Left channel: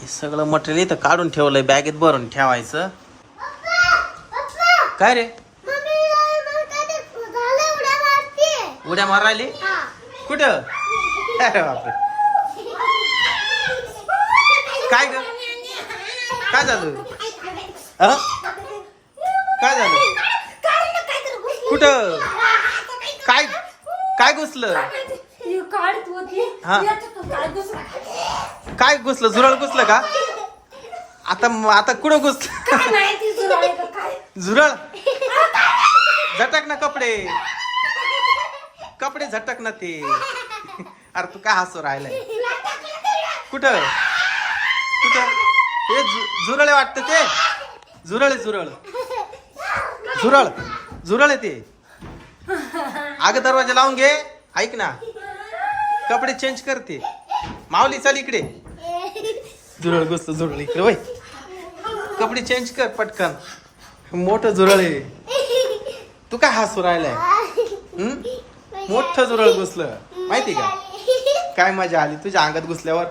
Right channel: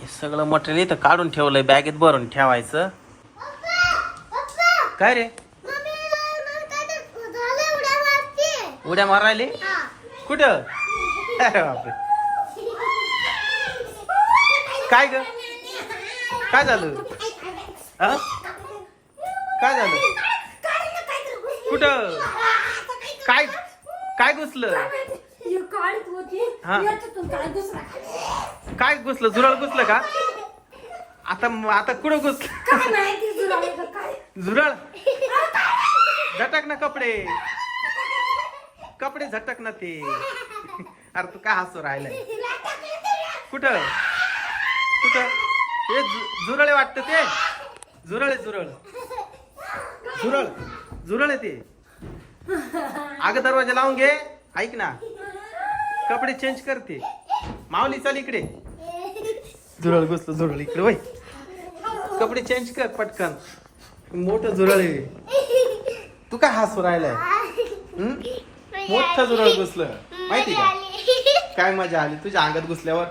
हे सगळं मटेरियल इथं काढून ठेवलंय बॅगेत भरून ठेवायचं. काय रे? उड्या मारायले? कुठं? अरे बापरे. काय ग? काय झालं? हा? काय झालं? कुठं? काय? काय घुसलं? हा. काय घुसलं? झुरळ घुसलं का? आता आता कुठं घुसलं? झुरळ? झटक ना कपडे. कपडे झटक ना ते. अरे तू काय हसू राहिलाय? कुठं? कुठं? हे झुरळे वाटतं ते. झुरळ आहे झुरळ. झुरळ. झुरळ आहे ते. अगं दरवाजा लावून घे. ऐक ना. कपडे चेंज करते माऊली चल इकडे. झुरळ घुसलं झुरळ इकडे. वय. कपडे चेंज कर पटकन. मोठं झुरळ आहे. तू काय हसू राहिलाय? हम्म? मोठं झुरळ घुसलं. माहिती का? काय मजा आली? तुझ्या अंगात घुसल्यावर.